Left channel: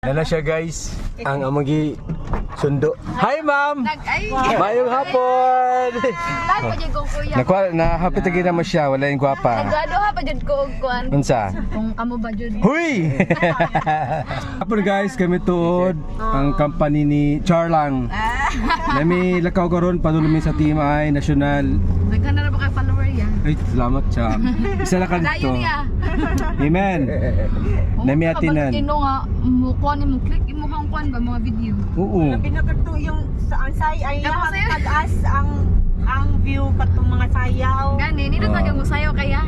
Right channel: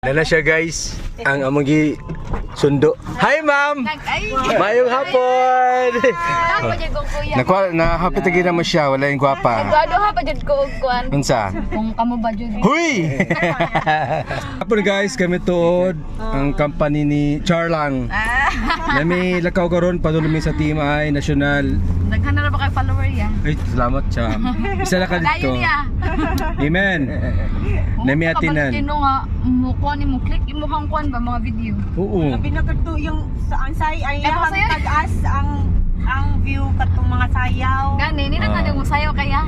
Nana siya guys, ang amagi sundo. Hi ma'am! Mayong hapon! Nahapit lagi naman siya, wala yung gwapa. Nagado ha pa jud ko og kuan. Unsa? Kung kamo ba jud. Huy! Hapon guys, kami tuod ang company ni Charlang. Nami lakaw karon padulong sa Team I National. Daghan na ba kay follower ya? Ay, salamat Cham. Isa na ka dito. Amen. Nami atinan. Kino nga mo kuan mo click imo hang kuan ba mga video. Oo. Pinagkato yung sa ansay ay Ako sa'yo. pag-as ang view katong mga sayaw. Gani ni na kag mo sayo kaya.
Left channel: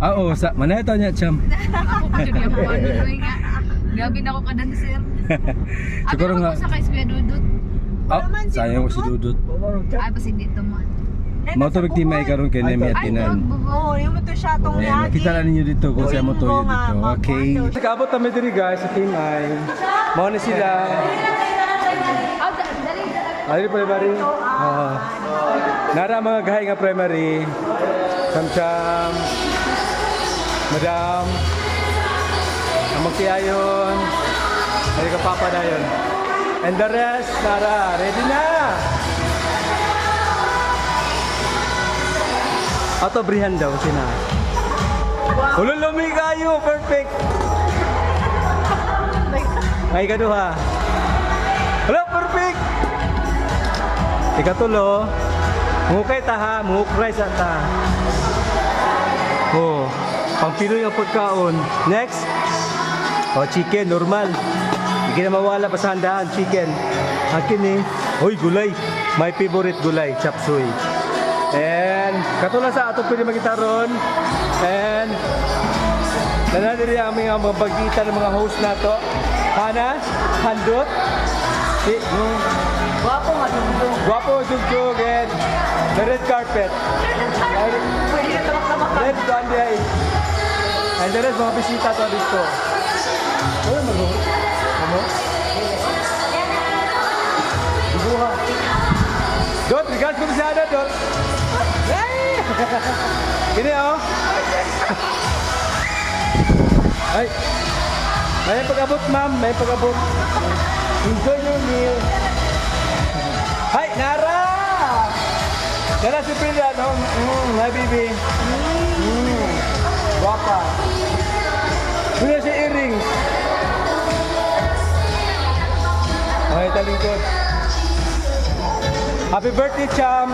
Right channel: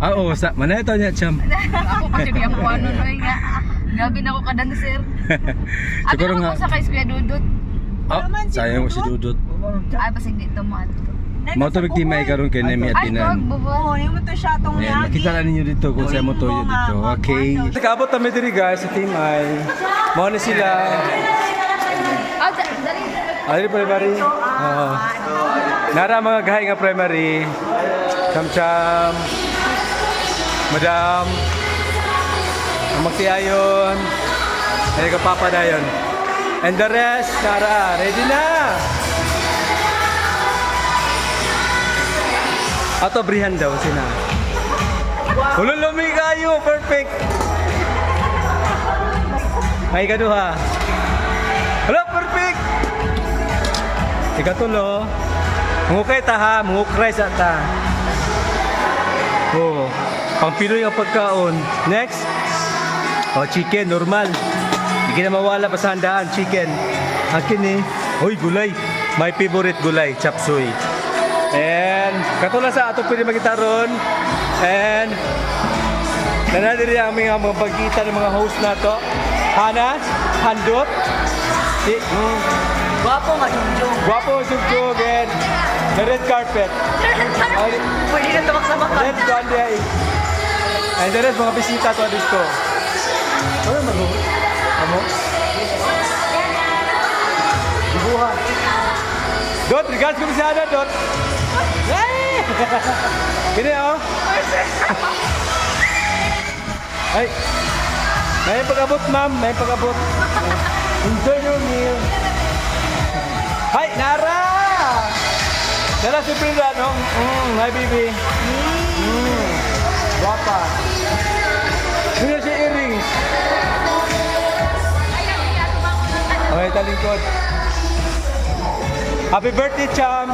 Ah, oo, sa manay taw niya Cham. Ako pa jud yung kuan noy nga. Gabi na ko kadanser. Siguro Abi nga. mo sa kay Kuya Dudut. Ah, sayang mo si Dudut. Ay pasig dito man. Mao to Team I karon kay Nami Ay atinan. bubo. Oo, yung ito siya itong Ayan, makita na ninyo dito kung saan mo toyo dito. Okay. Nakaabot kami diri guys sa Team I. Mao na sila. Ah, dali. Ay, primary. Nara mga gahay nga primary. Cham-cham. Madam. Ang magtiayon. Ay ka papa dayon. And the rest, Nara, ready na. Ato brihan daw sina. Hululumi kayo, perfect. Ay kaduha. Hello, perfect. Ikatulo. Mungukay ta ha, mungukray sa ta. Oh, pang Pinoy ang pagkaon. Next. Oh, chicken, normal. Hindi na mawala pa sa handaan, chicken. Akin eh. Hoy, gulay. My favorite gulay, chop suey. And katulad sa ato pwede makita ron. And nanadiri ang mga pagkita ng mga host na to. Hana, Handot. Gwapo nga jungjung. Guwapo, Jugjug, and the red carpet. Pwede na tamak-samak ka. Red Gandhi. And the rest mga bisita to dito. Ano man mo? Amo? Dibuha. Dot, regards ko sa ada, Dot. Hey! Gini oh. Ay. May pag-abot, ma'am. May pag-abot. Enjoy your meal. Hi, Nara! Nara si Frida, no? Hi, baby. Guapa. Sino si earring? Okay, talingkod. Happy birthday, Cham!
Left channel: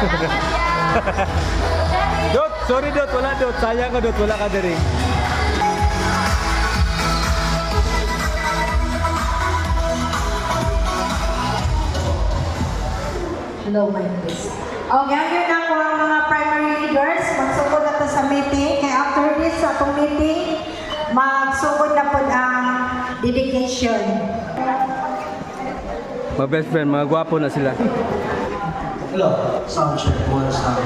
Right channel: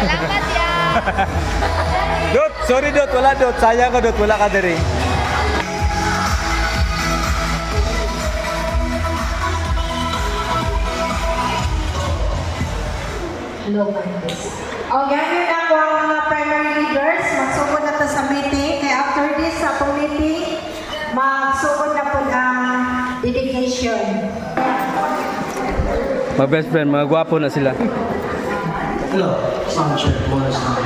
Salamat ya. Dot, sorry Dot, wala Dot. Sayang ka Dot, wala ka diri. Hello, my friends. O, gagawin na ko ang mga primary leaders. Magsugod na to sa meeting. Kaya after this, sa itong meeting, magsugod na po ang dedication. Mga best friend, mga gwapo na sila. Hello, sound check, one sound.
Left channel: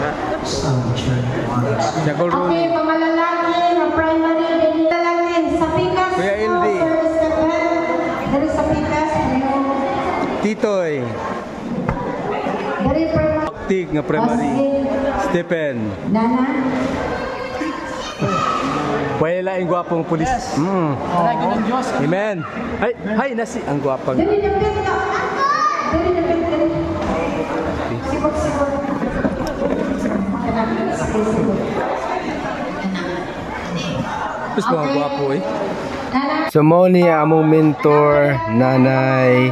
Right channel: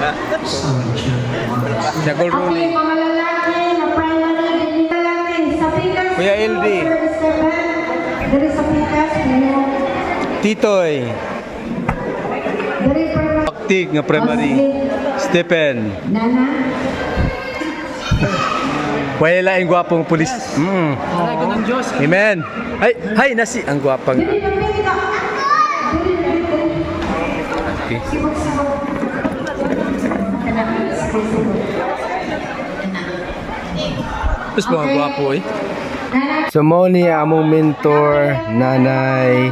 Sound check, one sound. Jackal Okay, Rooney. mga lalaki, mga primary lalaki, sa Pikas. Kuya LD. Dari sa Pikas, Titoy. dari primary. Aktig nga primary. Stephen. Nana. Wala laing gwapong pulis. Amen. Hay nasi ang gwapang. Dari na pinita. Okay. Tapos mga gwapo eh. So mo ni among mentor, nanay,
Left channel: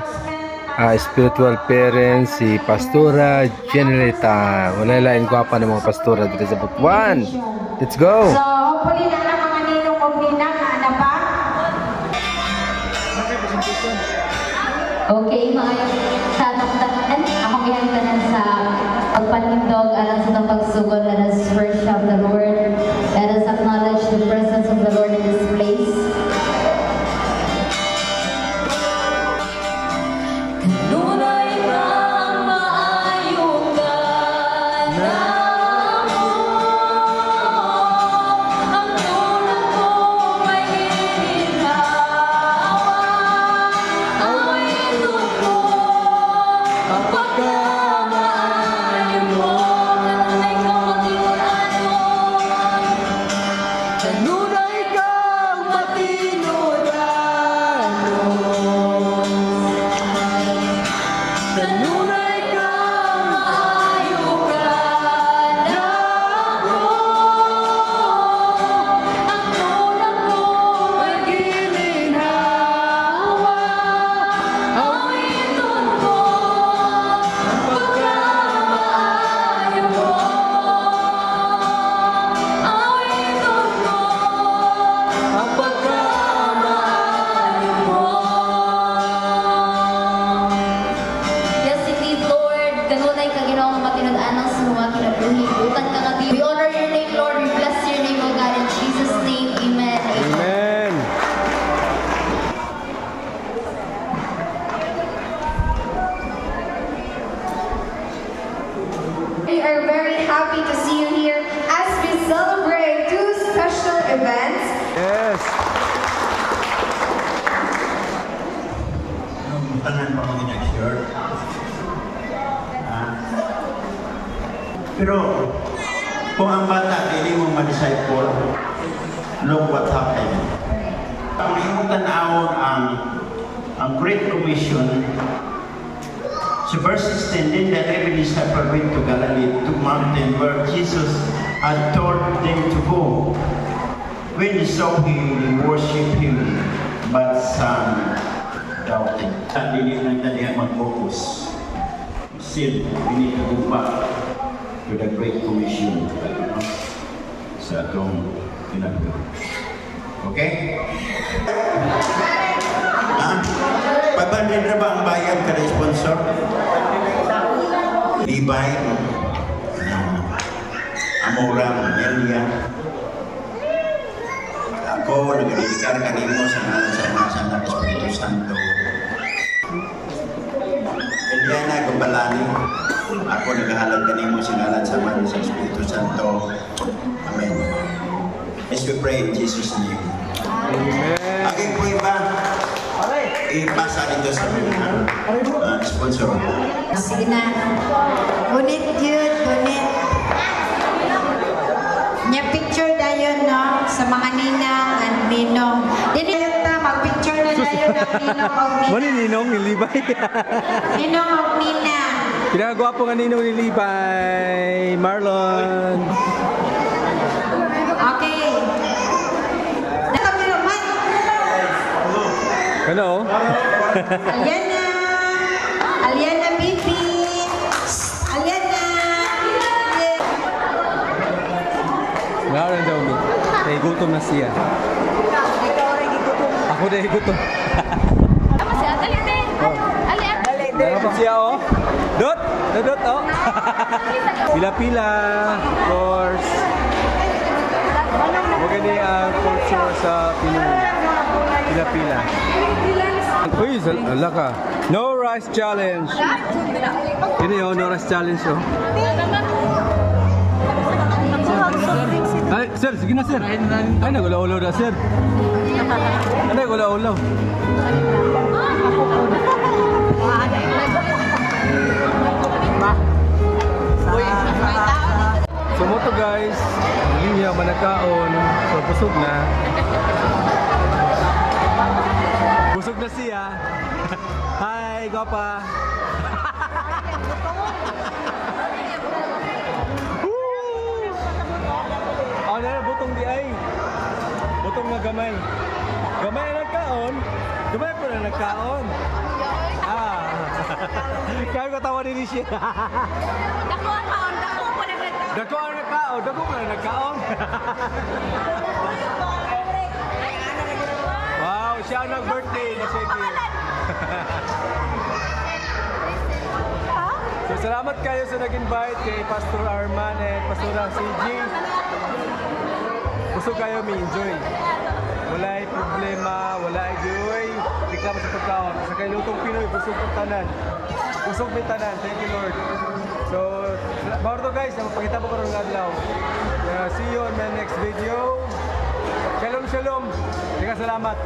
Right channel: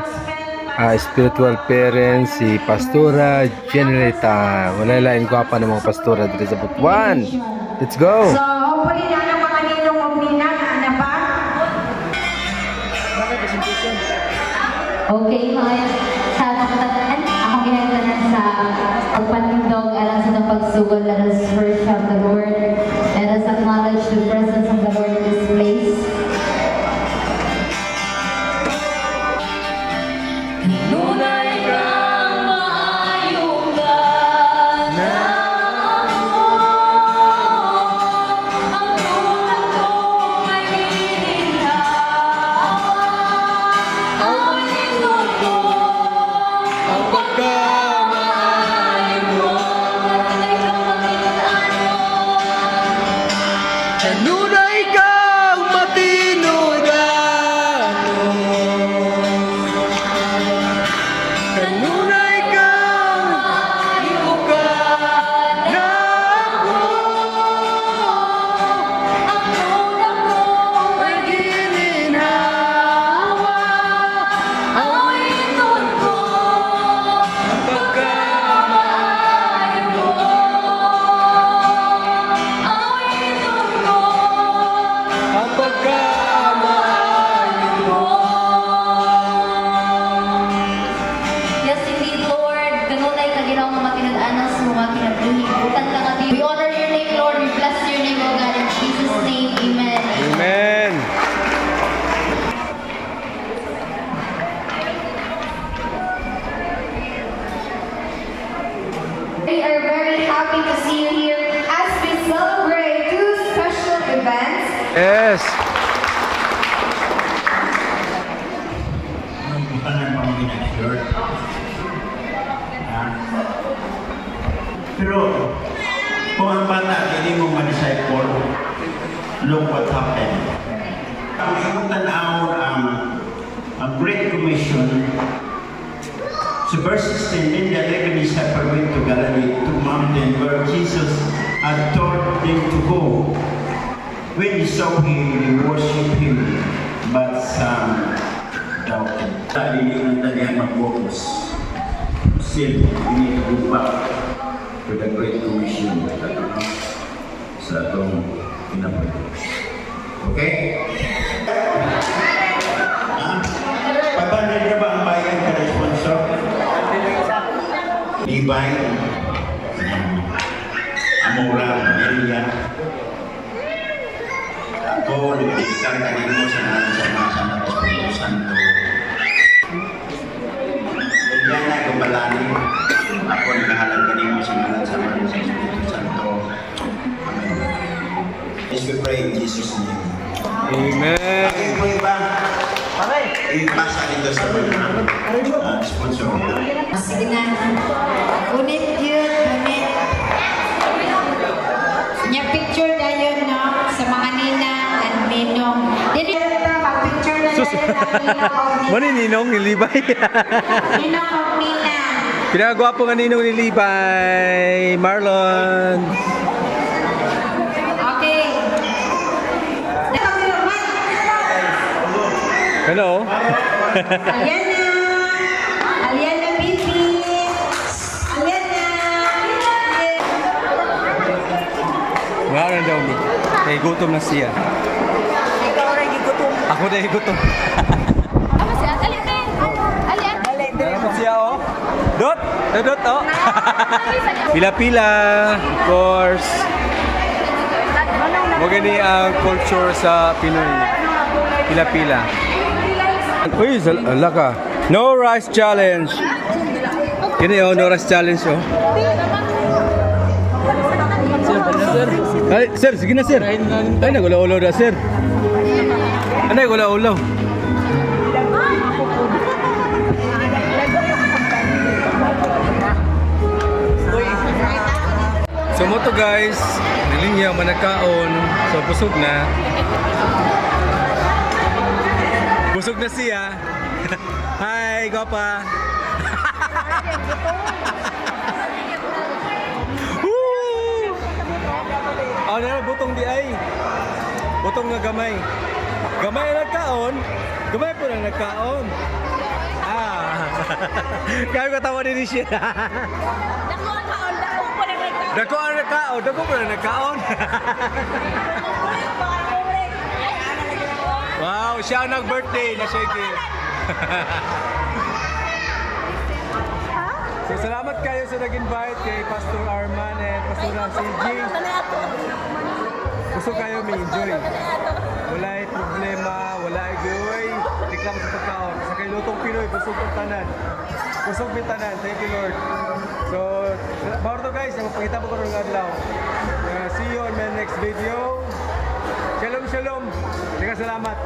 spiritual parents, si Pastora Generita. Wala lain gwapa ng mga pastora dito sa Butuan. Let's go! So, hopefully na ang mga ninong o nina na anak pa. Okay, mga tanong-tanan, akong ginagtanan sa pagpalindog alang sa itong pagsugod. Let us worship the Lord. Let us acknowledge the presence of the Lord in this place. Kanunay kang maayong gana. Ang tulad ko ay ginhawa. Ako'y tuto. Ang pagkamaayon mo. Tunay kang makitaan mo. Kanunay kang tanan pa mga nag-shirt. Pero kung ang bata hindi mo ma-disciple, look what happened. Ang iyong tanawon ang Great Commission sa verse 16, then the 11 disciples went to Galilee, to mountain where Jesus had told them to go. When they saw him, they worshiped him, but some doubted. Hindi na tayo mag-focus. Still, we need to go back to the Great Commission sa atong kinabuhi. Okay? Pabandin na ba ang bayad kada sponsor? Libay, Amora, Melia. Ako, nag-iikan kanino sa ngalan sa mga sanat Espiritu Santo. Eliana Gubalani, ako naghahalag kanino sa ngalan sa mga sa Espiritu Santo. Amen. Let's we pray in Jesus' name. Amen. Aking pray ba? Ipasa ito sa mga sponsor. Sige na. Unit yun, unit. Nya picture dayon no sa mga ninang at ninong. Dili ta mag-picture na dayon ang ninong o Mani ninong ni Libay. ninong o ninang. Pinagwapo nga ninong ni Libay. Marlon. Okay. Ano? Aliana. Aliana baby. Aliana. Ngayon daw mi. Eh gutom na siya. Ikaw rin gigutom. Ako dahil gutom. Ama siya, dali te. Ali. Meron siya oh. Dot! Dot oh. Pila-pila. Of course. Magani ang culture sa Pinoy. Pila-pila. Uy, ala ka. No rice challenge. Ini oh, no rice challenge oh. Sir. Ay, sir, sige na sir. Ay, nagulaw-ulaw na sir. Ay, nagulaw-ulaw. So mo to guys, nalinya manakaon. So busog na. Busog na siya. Hi, Gopa. Woo! Ano na butong di ay? Butong na gamay. Gamay na nagkaon. Gamay po na nagkaon. Ah. Kaya ko tawa din siya. Dako ang nagkaon. Dako po na nagkaon. Wow, siya ang nag-birthday na Sheki. So salamat kayo sa nag-invite kay Pastor Arman and Pastora CG. Gusto kayo may enjoy. Wala'y problema, wala'y giveaway. Reklamo sa pagkaon. Sa kay Lutong Pinoy, busog ang tanan. Busog may tanan. Thank you Lord. So, bawal to guys, mapakita po ko rin ng adlaw. See you on my next video. Shalom, shalom. Salamat.